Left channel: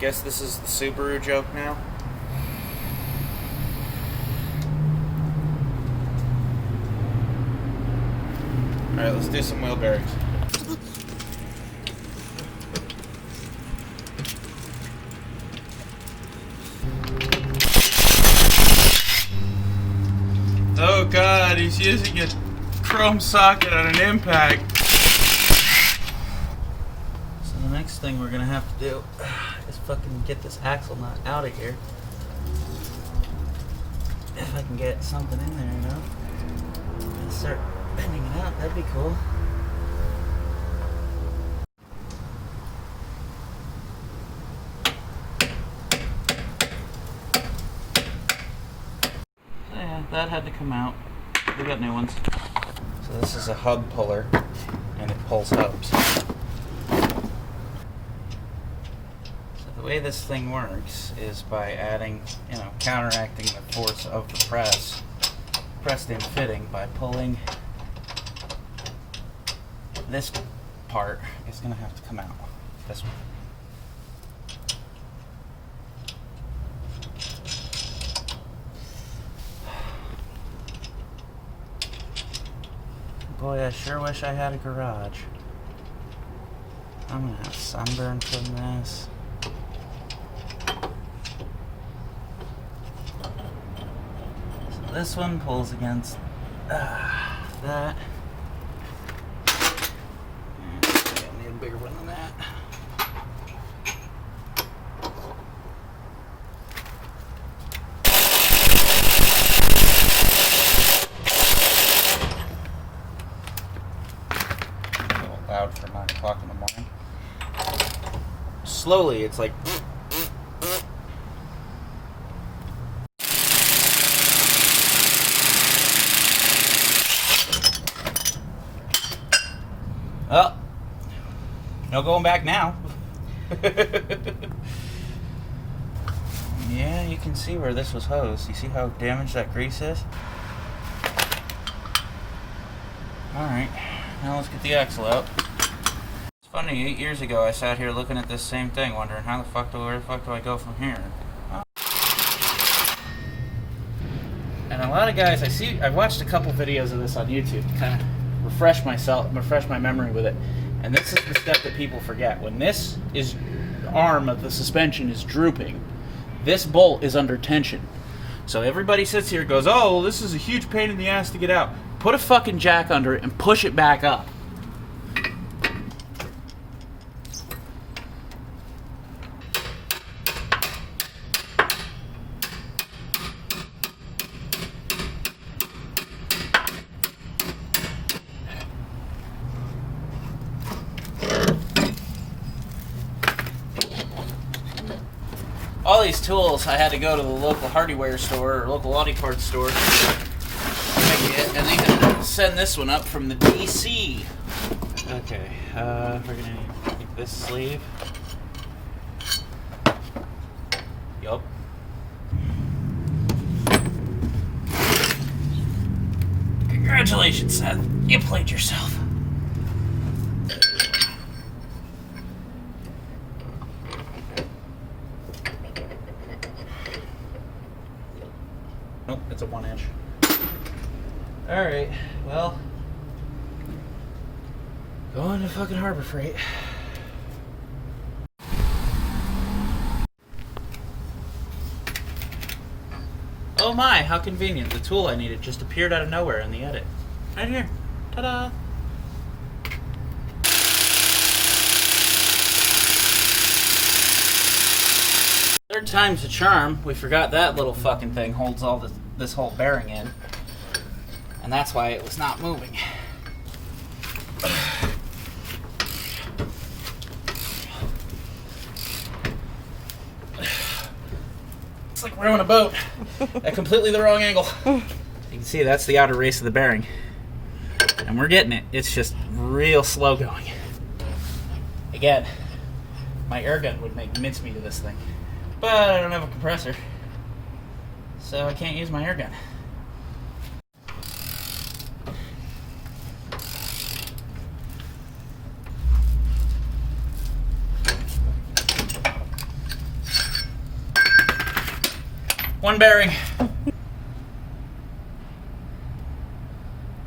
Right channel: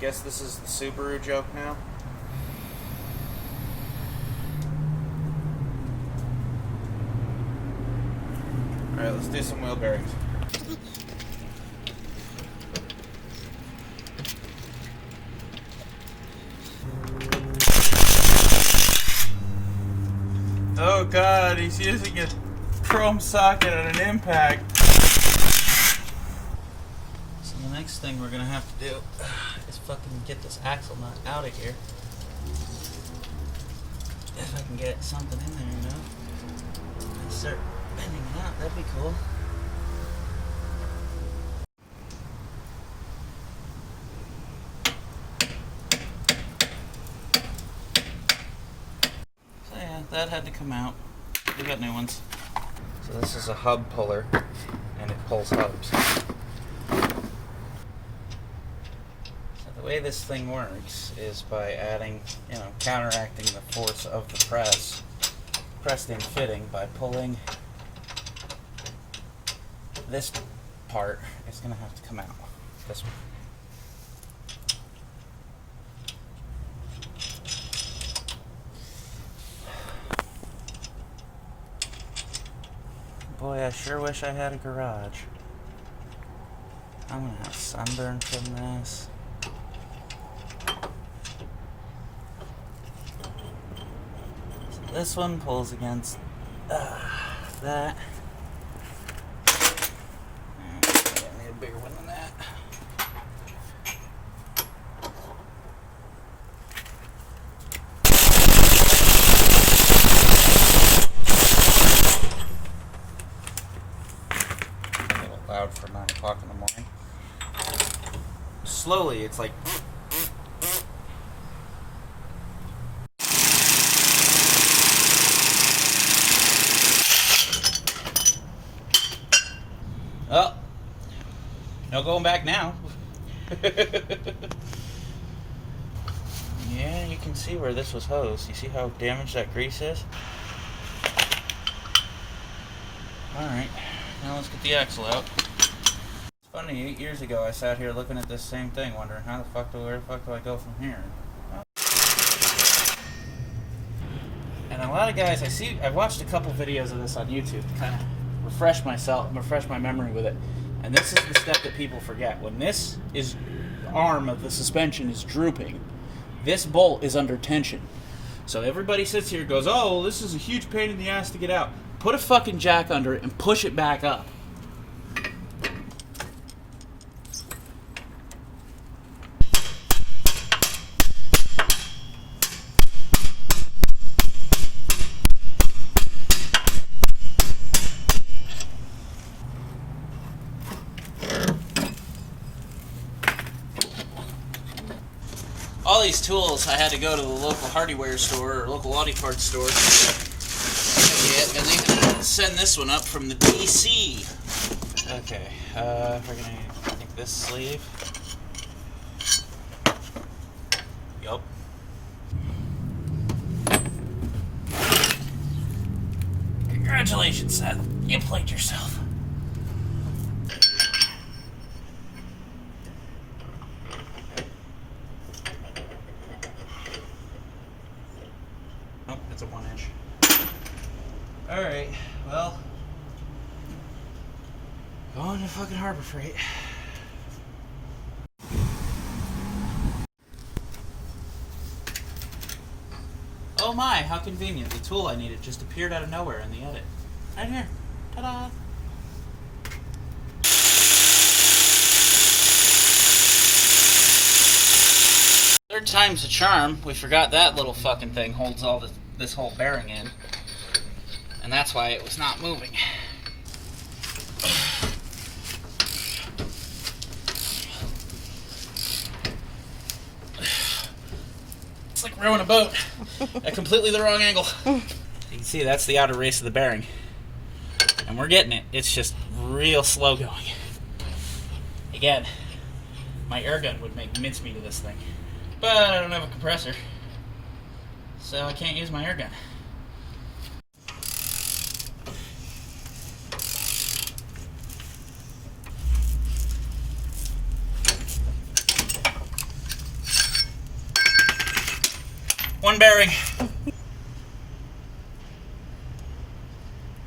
guess this is the Subaru joke now. Alright, let's do some wheel bearings. Oh god, he's using a chrome socket on an impact. So the next thing we're gonna have to do is fucking get this axle nut out of here. If I can get something in there, you know? And start bending it out, that'd be cool. So yeah, that had to come out. We got new ones. So this is a hub puller, and it pulls hubs. So the way this thing works is by adding, counteracting the force of the pressed in fitting by pulling this part. It's going to have to come out. This one. Boy, I sure wish I had a garage. I'm gonna have sunburn from this. So this one pulls against that. I need a bigger one than that. Loud for 9 o'clock in the morning. Slowly, it's like. Oh, no going back now. Yeah, you can see where this was hosed. You see how damaged that grease is? Alright. Now let's get the axle out. It's funny, 8 years ago I sat here looking at this same thing, wondering where the fuck do I go from here? And a lot of guys, I've watched a couple videos of this on YouTube to kind of refresh my memory with it. And this is the step that people forget. When this arm of the suspension is drooping, this bolt is under tension. So everybody sits here and goes, oh, this is a huge pain in the ass to get out. Put a fucking jack under it and push it back up. All these tools, I had to go to the local hardware store or local Audi parts store. And they had to send this one up from the DC. Okay, we're gonna need, I think, this sleeve. Yup. Congratulations, Seth. You played yourself. Nope, it's a 1 inch. Alright, well, going to fucking Harbor Freight. Oh my, how convenient. The tool I needed just appeared out of nowhere in the edit. Right here. Ta-da! Third time's the charm. We forgot that little fucking thing holds all this whole bearing in. And that's why it was not moving. It's like rowing a boat at completely the wrong angle. You can see that's the outer race of the bearing. And we're getting it. It's just real slow going. Again, my air gun would make mincemeat of this thing. But I don't have a compressor, so I can't use my air gun. One bearing.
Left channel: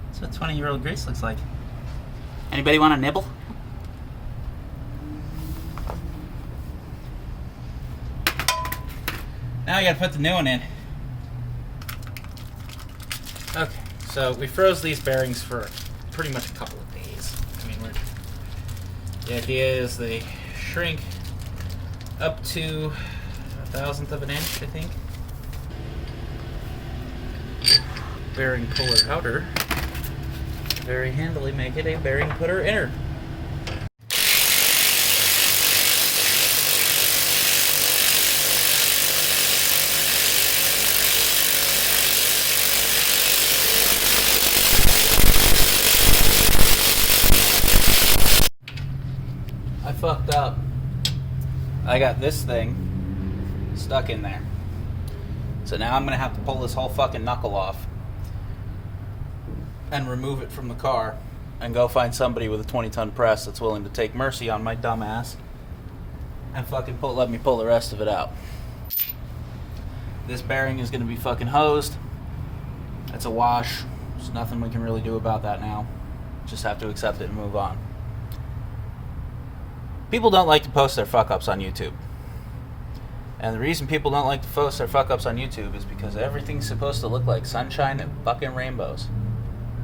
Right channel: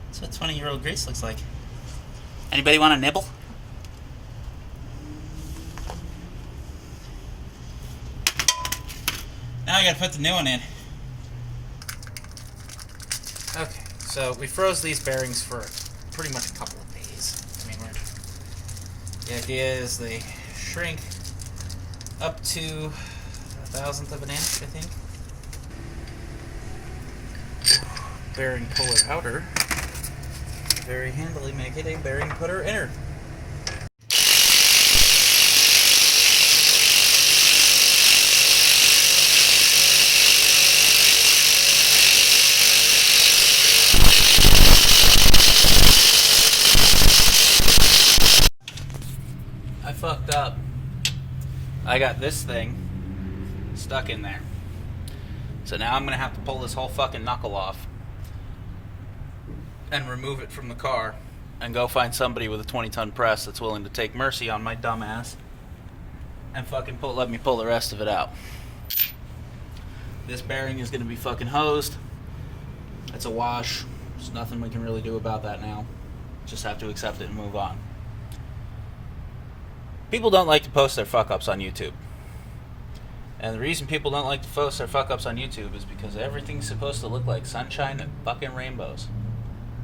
That's what 20-year-old Grace looks like. Anybody want a nibble? Now I gotta put the new one in. Okay, so we froze these bearings for pretty much a couple of days. I mean, the idea is they shrink up to 1/1000th of an inch, I think. Bearing puller outer. Very handily make it a bearing putter inner. I fucked up. I got this thing stuck in there. So now I'm gonna have to pull this whole fucking knuckle off and remove it from the car and go find somebody with a 20-ton press that's willing to take mercy on my dumb ass and fucking let me pull the rest of it out. This bearing is gonna be fucking hosed. It's a wash. There's nothing we can really do about that now. Just have to accept it and move on. People don't like to post their fuck-ups on YouTube. And the reason people don't like to post their fuck-ups on YouTube is because everything's supposed to look like sunshine and fucking rainbows.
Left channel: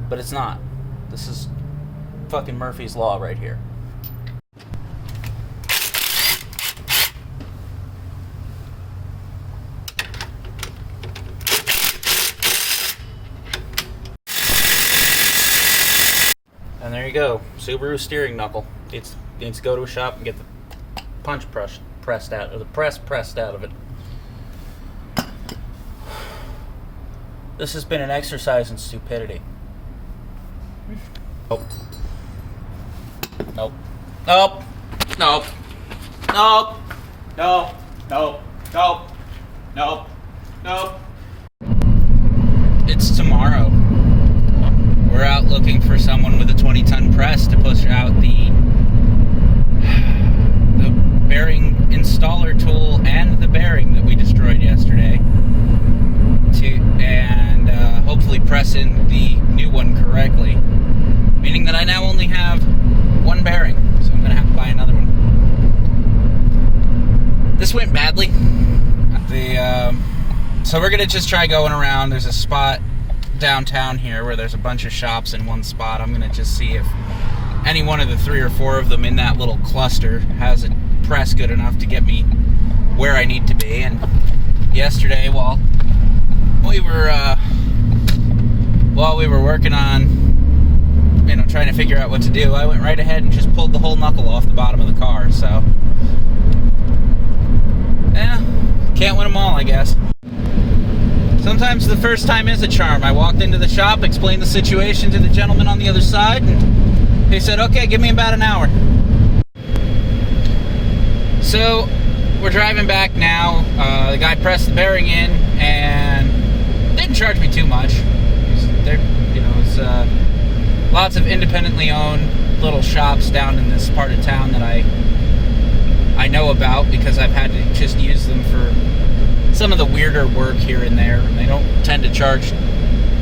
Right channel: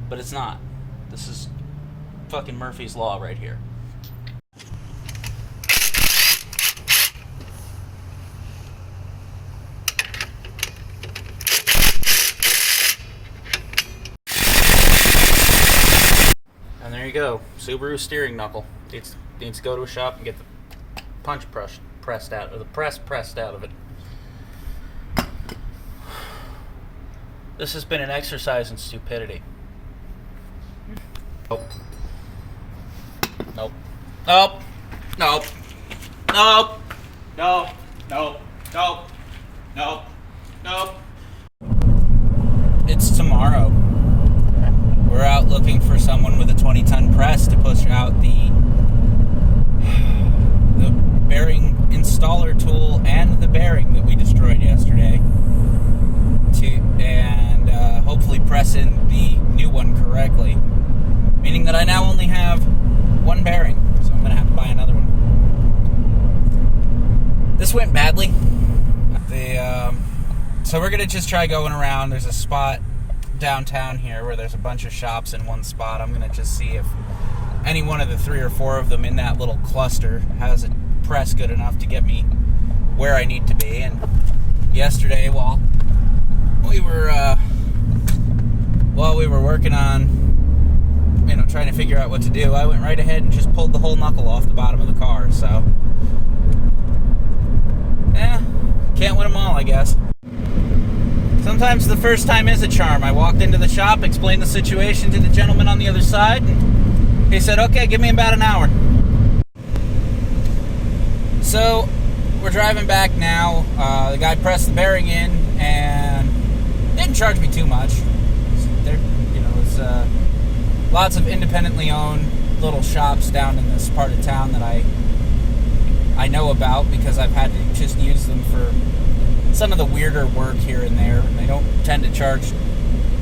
But it's not. This is fucking Murphy's Law right here. And there you go. Subaru steering knuckle. Needs to go to a shop and get the punch pressed out, or the press pressed out of it. This has been an exercise in stupidity. Nope. Nope. Nope. Nope. Nope. Nope. Nope. Nope. Nope. Nope. It's tomorrow. We're out looking for someone with a 20-ton press to push out the bearing installer tool and the bearing that we destroyed yesterday and hopefully press in the new one correctly. Meaning that I now only have one bearing, so I'm going to have to buy another one. This went badly. So we're going to just try going around. There's a spot downtown here where there's a bunch of shops in one spot. I'm going to just see if any one of the 3 or 4 of them in that little cluster has a press good enough to get me where I need to be. And yesterday, while we were working on, trying to figure out what to do, I went right ahead and just pulled the whole knuckle off the bottom of the car. So, can't win them all, I guess. Sometimes the first time is a charm. I walked into the shop, explained the situation to the gentleman on the other side, and he said, okay, give me about an hour. So, we're driving back now. The guy pressed the bearing in and didn't charge me too much. It's lots of independently owned little shops down in this part of town that I know about because I've had to just use them for some of the weirder work here and there, and they don't tend to charge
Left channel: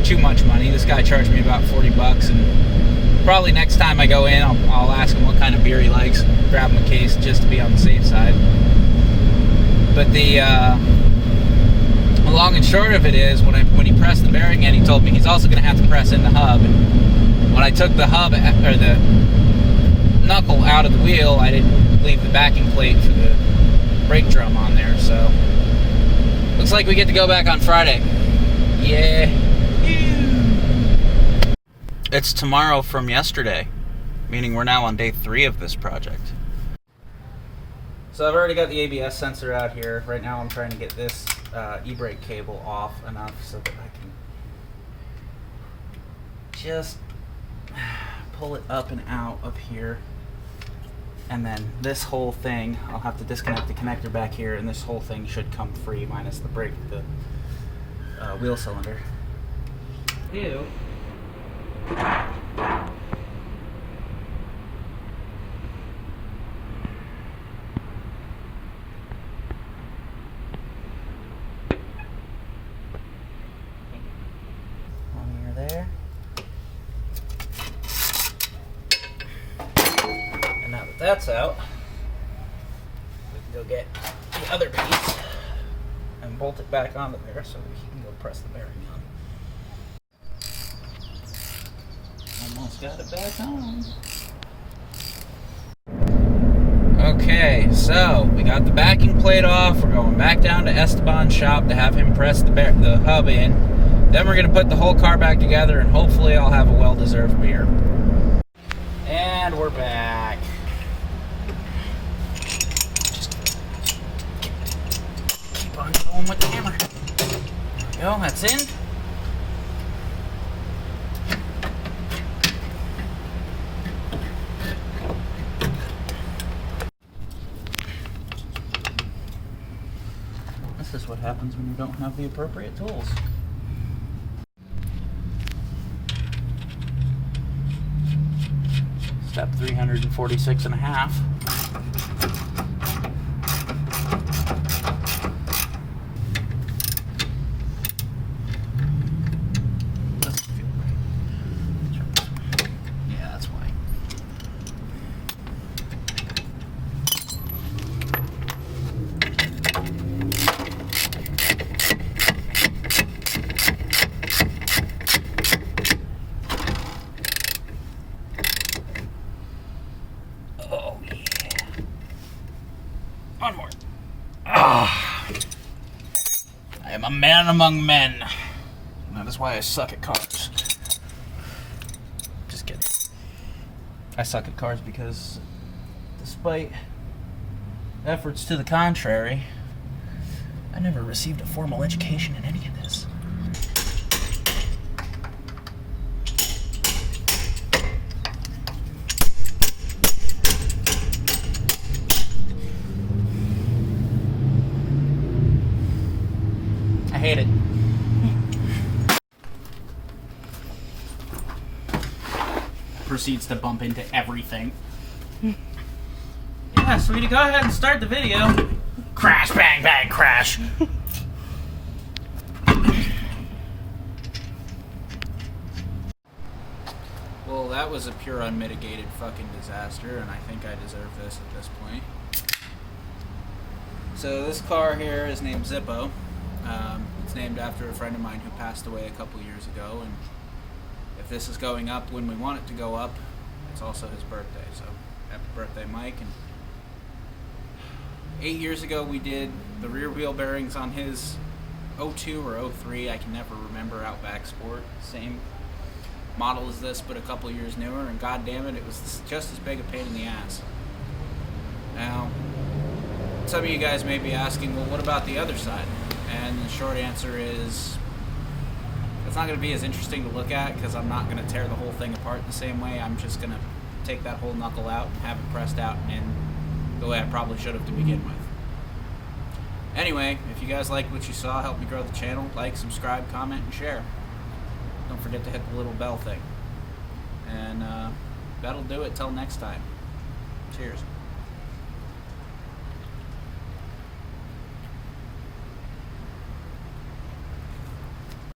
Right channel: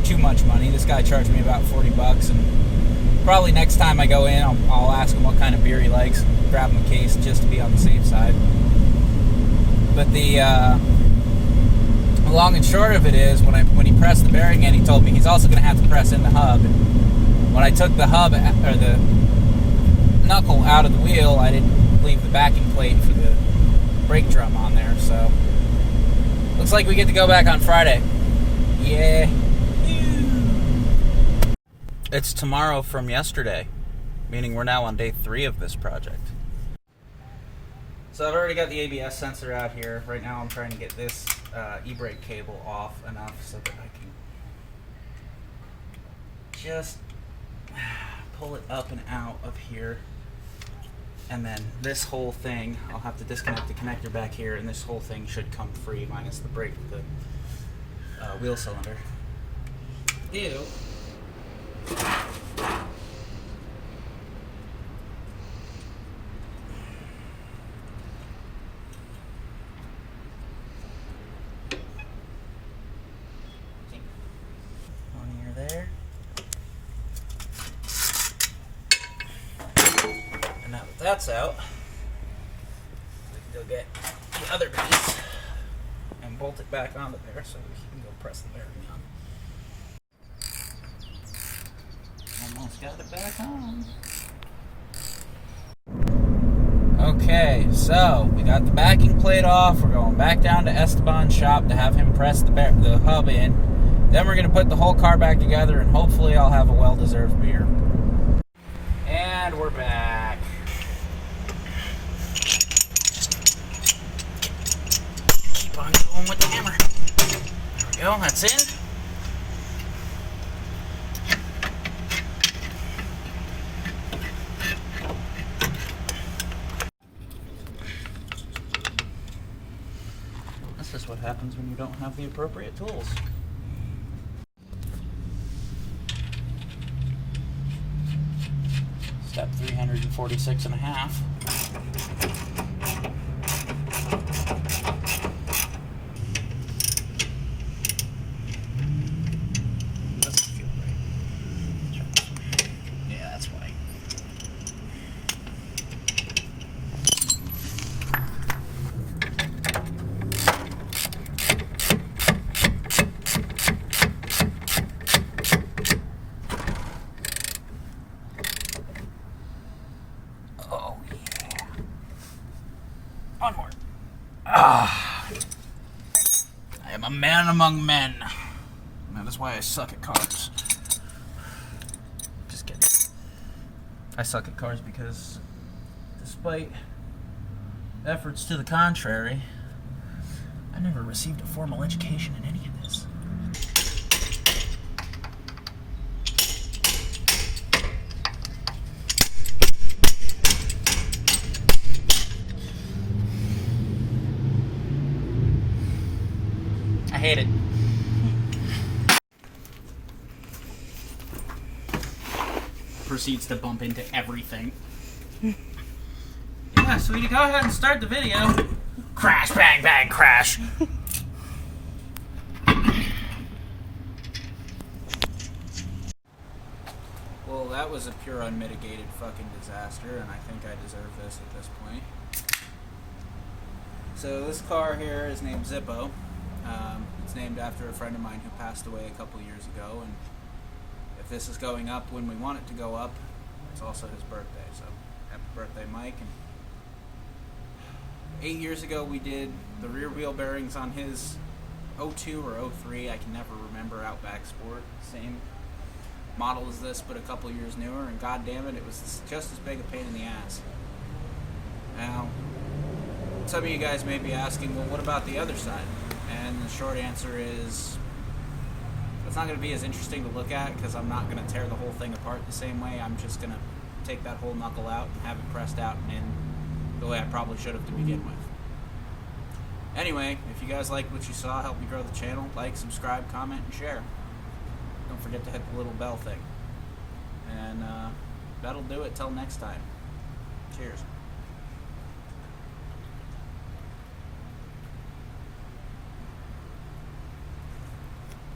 too much money. This guy charged me about $40, and probably next time I go in, I'll ask him what kind of beer he likes, grab him a case just to be on the safe side. But the long and short of it is, when he pressed the bearing in, he told me he's also going to have to press in the hub. And when I took the hub, or the knuckle out of the wheel, I didn't leave the backing plate for the brake drum on there, so looks like we get to go back on Friday. Yeah. It's tomorrow from yesterday, meaning we're now on day 3 of this project. So I've already got the ABS sensor out here. Right now I'm trying to get this e-brake cable off enough so that I can just pull it up and out of here. And then this whole thing, I'll have to disconnect the connector back here, and this whole thing should come free minus the brake, the wheel cylinder. Ew. that's out, we can go get the other piece and bolt it back onto there so we can go press the bearing on. Almost got it back on. Okay, so we got the backing plate off. We're going back down to Esteban's shop to have him press the hub in. Then we're going to put the whole car back together, and hopefully I'll have a well-deserved beer. And we're back. Keep on going with the hammer. There we go, that's in. This is what happens when you don't have the appropriate tools. Step 346 and a half. Doesn't feel right. Try this one. Yeah, that's why. One more. Ah. I am a man among men. That is why I suck at cars. Just kidding. I suck at cars because, despite efforts to the contrary, I never received a formal education in any of this. I hate it. Proceeds to bump into everything. Yeah, sweetie, go ahead and start the video. Crash, bang, bang, crash. Well, that was a pure unmitigated fucking disaster, and I think I deserve this at this point. So this car here is named Zippo. It's named after a friend of mine who passed away a couple years ago, and if this is going up when we want it to go up, it's also his birthday, so happy birthday, Mike. And 8 years ago we did the rear wheel bearings on his 02 or 03, I can never remember, Outback Sport, same model as this but a couple years newer, and god damn it, it was just as big a pain in the ass. Now, some of you guys may be asking, well, what about the other side? And the short answer is, it's not going to be as interesting to look at because I'm not going to tear the whole thing apart the same way. I'm just going to take that whole knuckle out and have it pressed out and in the way I probably should have to begin with. Anyway, if you guys liked what you saw, help me grow the channel. Like, subscribe, comment, and share. Don't forget to hit the little bell thing. And that'll do it till next time. Cheers.